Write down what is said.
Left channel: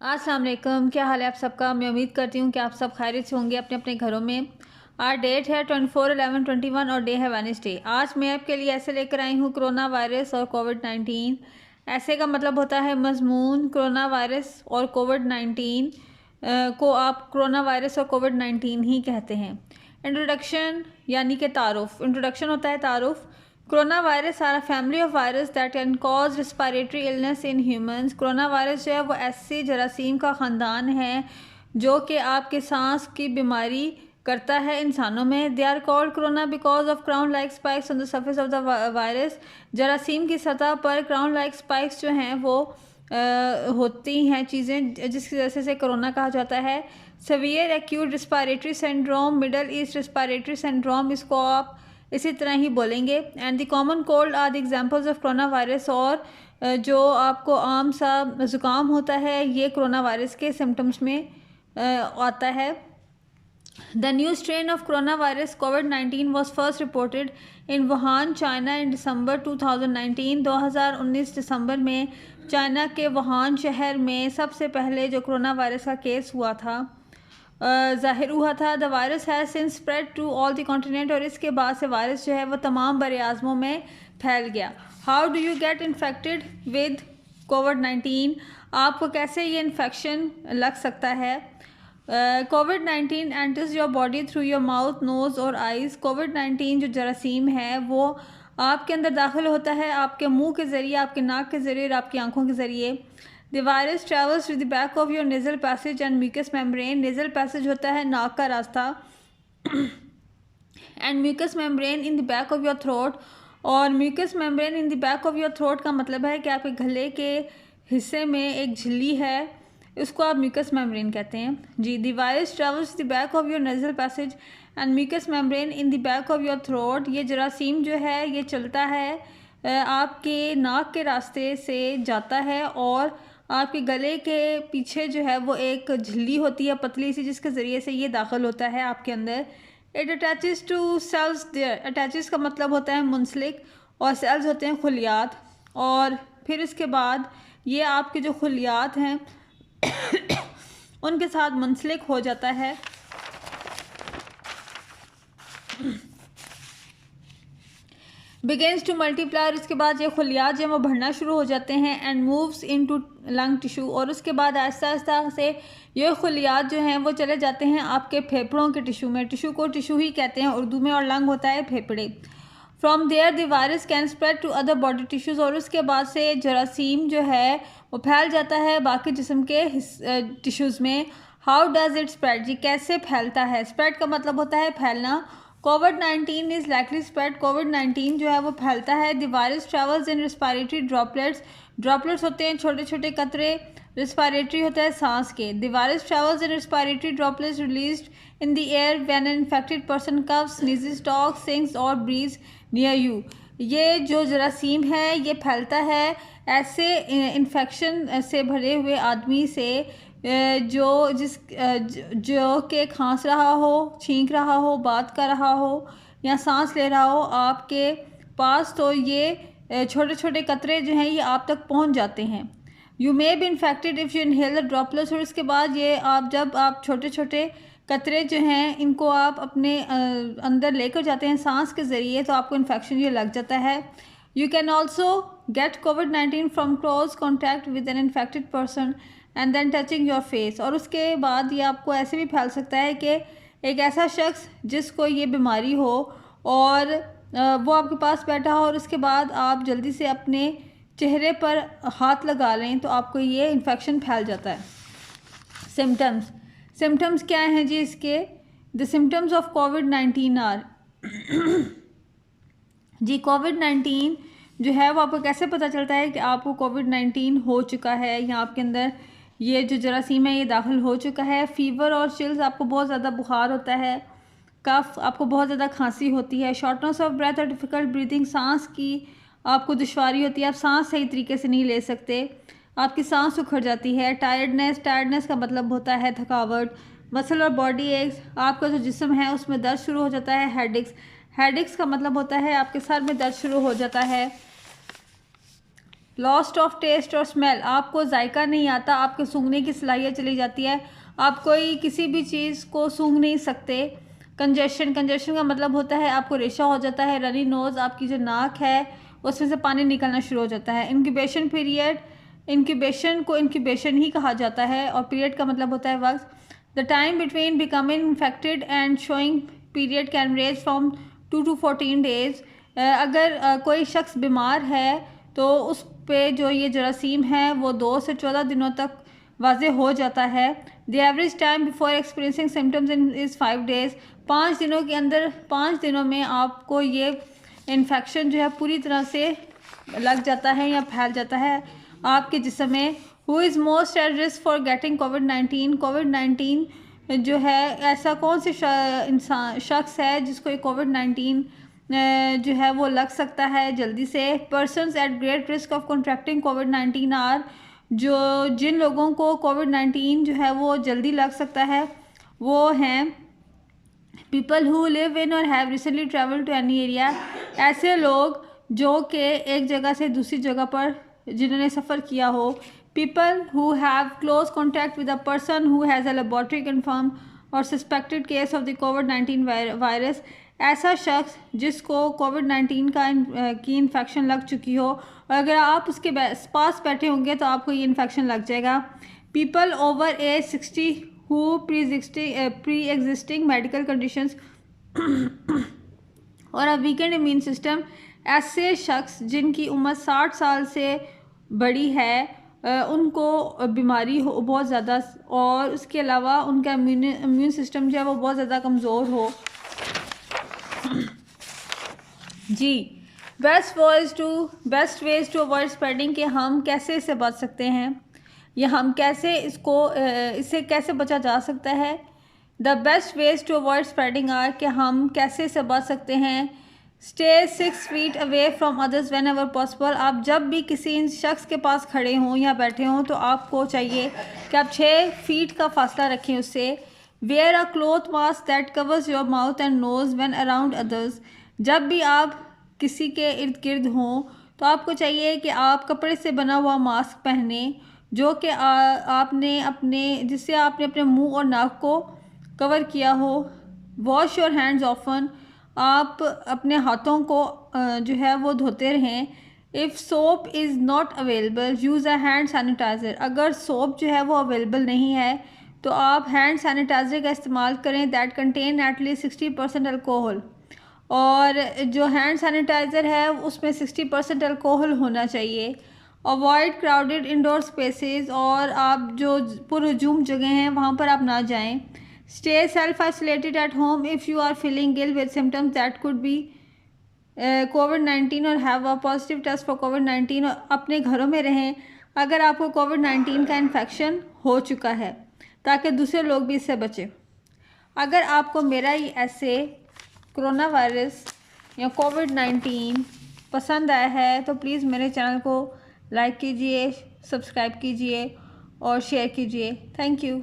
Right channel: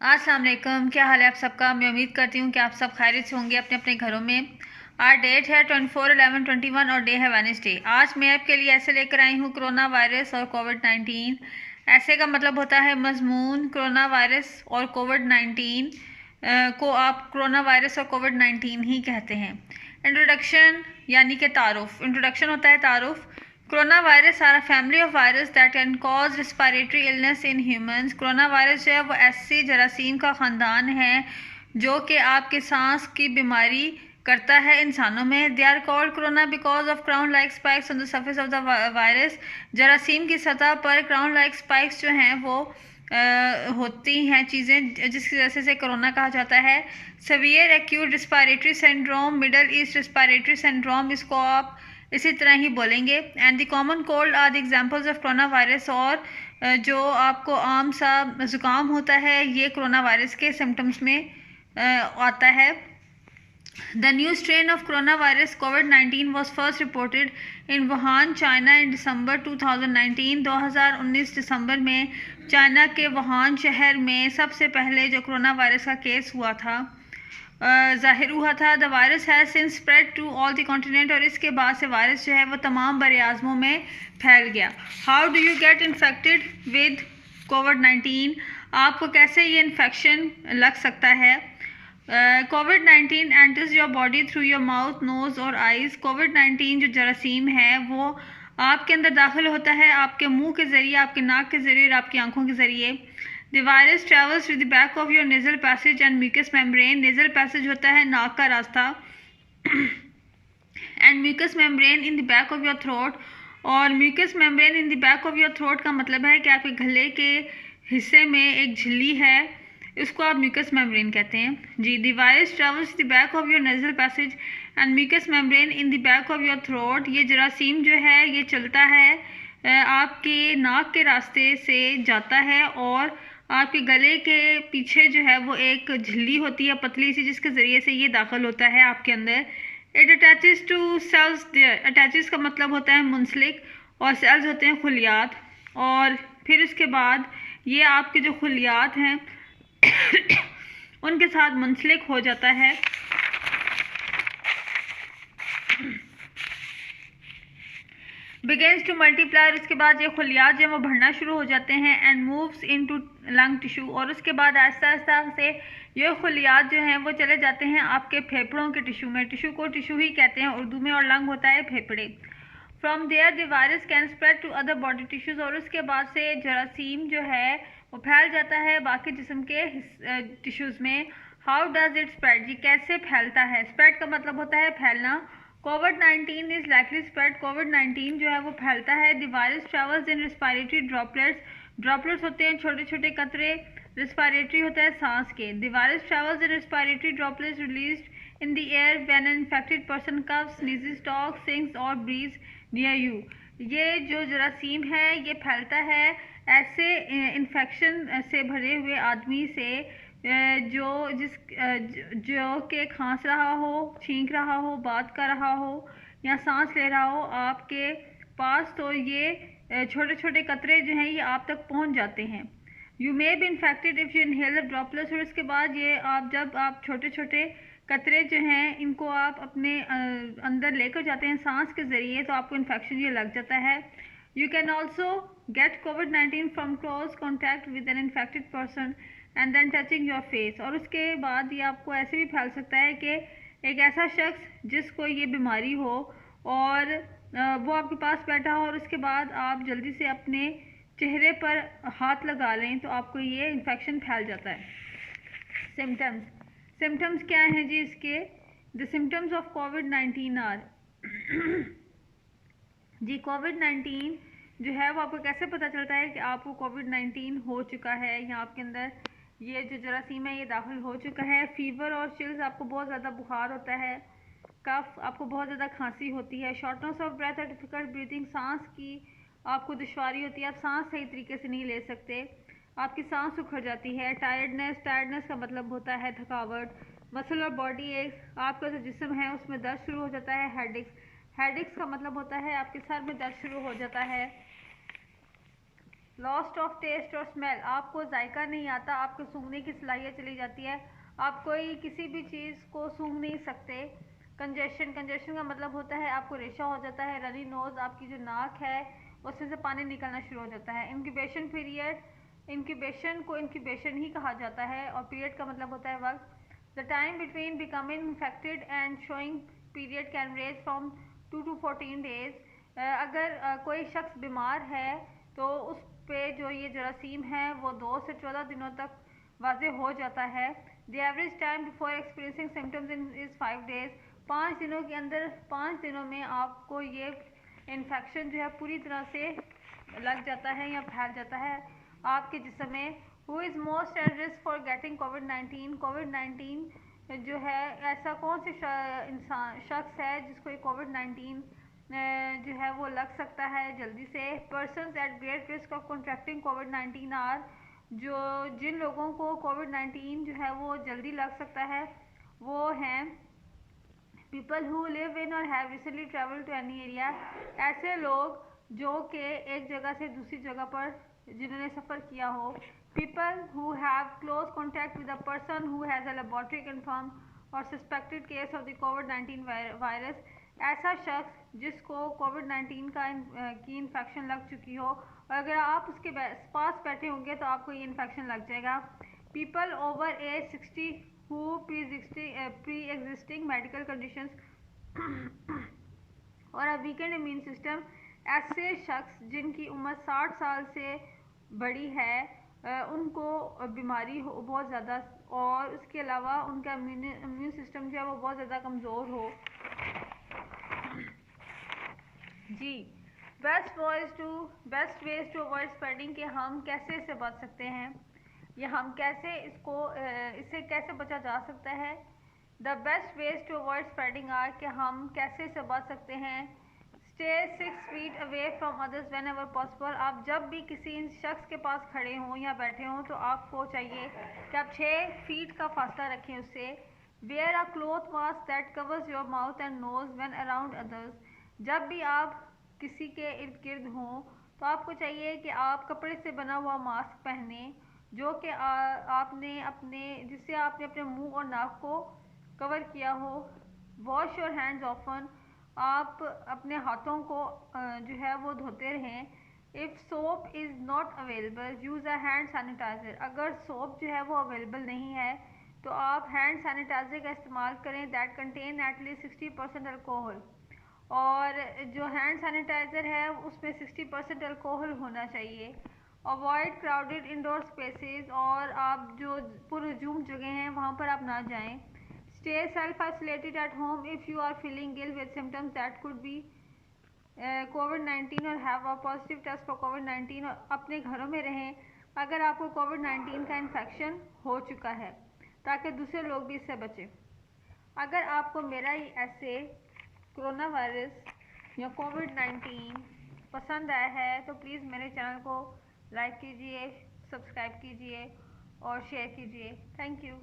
अस्सलाम वालेकुम, क्या हाल है आप सबका। मैं उम्मीद करती हूँ कि आप सब खैरियत से होंगे अपने अपने घरों में। आज डेट है 24/11/21 और डे है वेडनेसडे। आज मैं आपके लिए ऐसे लेकर आई हूँ कोरोना वायरस और कोविड-19। ऐसे का मतलब होता है मजमून। कोरोना वायरस और कोविड-19 को आप कोरोना वायरस और कोविड-19 ही कहते हैं। इंट्रोडक्शन यानी कि तारुफ। इंट्रोडक्शन होता है तारुफ। Corona virus are a family of virus that can cause respiratory illness in humans. Corona virus जो है वो ऐसी जरासीम का ख़ानदान है जो कि आपके सांस की बीमारी करता है इंसानों में। They are called corona because of crown like spikes on the surface of the virus. जरासीम की सतह पर क्राउन लाइक स्पाइक्स जो हैं वो होती हैं चीज़ें, जिसकी वजह से कोरोना कहा जाता है। Severe acute respiratory syndrome, Middle East respiratory syndrome, इसको आप इसी तरह ही बोलेंगे। And the common cold are the examples of corona virus. और जो आपको आम सा ज़ुकाम होता है ये कोरोना वायरस के सिम्टम्स में आता है। The new strain of corona virus कोविड-19 was first reported in Wuhan China in December 2019। 2019 दिसंबर में चाइना के वुहान शहर में सबसे पहले जो कोरोना वायरस का केस हुआ था ज़ाहिर हुआ था। The virus has since spread to all the continent. और इसके बाद से वायरस जो है वो तमाम बर आज़मों में फैल गया। How do you get infected with कोविड-19? आपको कैसे ये इन्फेक्शन लग सकता है? कोविड-19 enters your body through your mouth, nose और आइज़। कोविड-19 जो जरासीम है वो आपके अंदर दाखिल होता है आपके मुंह के ज़रिए, आपके नाक के ज़रिए और आपकी आंखों के ज़रिए। The virus travels to the back of your nasal passage and mucus membrane. Nasal passage होता है नाक का रास्ता and mucus membrane in the back of your throat. और mucus membrane in the back of your throat का मतलब है कि आपके गले के हिस्से में एक झिल्ली है, इसको आप म्यूकस मेम्ब्रेन कहते हैं जी। The virus travels the back of your nasal passage and mucus membrane in the back of your throat. ये जरासीम जो है ये चलता है आपके नाक के रास्ते से जाता है और आपके गले के पीछे जो है वो एक झिल्ली होती है पतली सी, जिसके ज़रिए से ये दाखिल होता है आपके अंदर। It attaches to cells there. Attaches का मतलब होता है मुंसलिक और सेल्स होते हैं खुलियात। और फिर इसके बाद ये आपके जो खुलियात हैं उनके साथ मुंसलिक हो जाता है। Begins to multiply. इसके बाद ये खुलियात जो है वो बढ़ना शुरू हो जाते हैं and moves into lung tissue. और उसके बाद आहिस्ता आहिस्ता से ये खुलियात जो हैं वो चले जाते हैं आपके फेफड़ों के टिश्यू में। टिश्यू को टिश्यू ही कहते हैं उर्दू में और लंग होता है फेफड़े। From there the virus can spread to other body tissues. और उसके बाद से जरासीम जो है वो फैल जाता है बाकी जिस्म के टिश्यूज़ में। How does it spread? ये कैसे फैलता है? स्प्रेड का मतलब होता है फैलना। कोविड-19 इज़ लाइकली स्प्रेड। कोविड-19 जो है वो फैलता है। The virus travels in respiratory droplets. Droplets होते हैं छोटे छोटे कतरे, रिस्पायरेटरी होता है सांस के। The virus travels in respiratory droplets released in the air when an infected person coughs, sneezes, talks, sings और ब्रीथ्स नियर यू। ये जो जरासीम है ये फैलता है ऐसे इन्फेक्शन से भरे हुए आदमी से जो कि खांस रहा हो, छींक रहा हो, बात कर रहा हो या सांस ले रहा हो आपके पास, तो ये छोटे छोटे कतरे जो हैं ये आप तक पहुंच जाते हैं। You may be infected if you inhale the droplets. और इसके बाद ये जब आप छोटे छोटे कतरे जो हैं इनको आप अपने अंदर लेकर जाते हैं सांस के ज़रिए, तो आपको इन्फेक्शन ये लग जाता है। यू कैन ऑल्सो गेट कोविड-19 from close contact with an infected person and then touching your face. और उसके बाद ये आपको ऐसे भी फैल सकता है कि एक ऐसा शख्स जिसको ये बीमारी हो और वो आपके पास बैठा हो और उसके बाद आप जल्दी से अपने चेहरे पर हाथ लगा लें तो आपको ये इन्फेक्शन फैल जाता है। सिम्टम्स क्या हैं जी इसके? द सिम्टम्स ऑफ कोविड-19 आर जी कोविड-19 जो है वो आपको कैसे पता चलता है कि आपको कोविड-19 हो चुका है या आपके अंदर ये जो जरासीम है ये दाखिल हो चुका है? फीवर और चिल्स, आपको बहुत ज़्यादा बुखार होता है। कफ, आपको बहुत ज़्यादा खांसी होती है। शॉर्टनेस ऑफ ब्रेथ और डिफ़िकल्ट ब्रीथिंग, सांस की आपको दुश्वारी होती है, आप सांस सही तरीके से नहीं ले सकते, आपकी सांस उखड़ जाती है। टायर्डनेस का मतलब होता है थकावट। मसल और बॉडी एक्स, आपका जो जिस्म है उसमें दर्द शुरू हो जाता है। हेडेक्स का मतलब होता है आपके सर में दर्द शुरू हो जाता है। लॉस्ट ऑफ टेस्ट और स्मेल, आपको जायका नहीं आता, आपके सूंघने की सलाहियत चली जाती है, आप कोई किसी भी चीज़ को सूंघ नहीं सकते। कंजेशन का मतलब होता है आपको रेशा हो जाता है। रनी नोज़, आपकी जो नाक है उसमें से पानी निकलना शुरू हो जाता है। इंक्यूबेशन पीरियड, इंक्यूबेशन को इंक्यूबेशन ही कहा जाता है और पीरियड का मतलब होता है वक्त। The time between becoming infected and showing period can range from 2 to 14 days. अगर कोई शख्स बीमार है तो उस पे जो ये जरासीम है वो 2 से 14 दिनों तक वाज़े हो जाता है। The average time before experiencing symptoms is 5 days. 5 दिनों के अंदर, 5 दिनों में आपको ये इन्फेक्शन जो है पूरी तरह से लग जाता है या फैल जाता है आपके जिस्म में। Who is most at risk for getting कोविड-19? कोविड-19 जो है ऐसा कौन से इंसान शख्स है जिसको ये कोविड-19 जो है वो लग सकता है जल्दी से? Persons at great risk of contracting कोविड-19 आर, जो जिन लोगों को कोविड-19 जो है वो जल्दी लग सकता है वो हैं पीपल हु लिव इन और have recently travel to any area, ऐसे लोग जो कि एक जगह से दूसरी जगह पर जिन्होंने सफ़र किया हो। People who have close contact with a person who has a laboratory confirm or suspected case of the कोविड-19 वायरस, ऐसा शख्स जिसको कोविड-19 की इन्फेक्शन लग चुकी हो और अगर आप उसके पास बैठे होंगे तो आपको ये इन्फेक्शन लग जाएगा। People over age 60 who pre existing medical conditions और अ वीकेंड इम्यून सिस्टम, ऐसे शख्स जिनकी उम्र 60 साल से बड़ी है, उनको बीमारी हो बहुत ज़्यादा और उसके अलावा उनका इम्यून सिस्टम जो है वो बहुत ज़्यादा कमज़ोर हो। जी, best ways to avoid spreading, कि हम कैसे इससे बच सकते हैं या हम कैसे इससे कैसे बचा जा सकता है। The best ways to avoid spreading are, कि हम कैसे इससे बच सकते हैं। Stay 6 feet away from others whenever possible, आप जब भी किसी शख्स के पास खड़े हों या बैठे हों तो आपको चाहिए कि आप 6 feet का फासला रखें उससे। Wear a cloth mask that covers your mouth and nose when around others, जब भी आप किसी के इर्द गिर्द हों तो आपको चाहिए कि आप कपड़े से बना हुआ मास्क पहने जो कि जिससे आपने अपने मुंह और नाक को कवर किया हो। वॉश योर हैंड्स ऑफन, आप अपने हाथों को जो है वो धोते रहें। If soap is not available use a hand sanitiser, अगर सोप जो है वो अवेलेबल नहीं है तो आप हैंड सैनिटाइज़र का इस्तेमाल करें दैट कंटेन एटलीस्ट 60% अल्कोहल, और जो हैंड सैनिटाइज़र है उसमें 60% अल्कोहल होना चाहिए। अवॉइड क्राउडेड इंडोर स्पेसेस, और आप जो पुरहजूम जगह हैं वहाँ पर आप ना जाएं। Stay self isolated at home if you are feeling ill with symptoms that could be कोविड-19 or have a positive test for कोविड-19, और अपने घरों में रहें अगर आपको कोविड-19 का इन्फेक्शन हो चुका है ताकि दूसरे लोग भी इससे बचें। अगर आपको मेरा ये ऐसे कोरोना वायरस या कोविड-19 पसंद आया है तो प्लीज़ मेरे चैनल को लाइक कीजिए, सब्सक्राइब कीजिए और शेयर कीजिए। Thank you.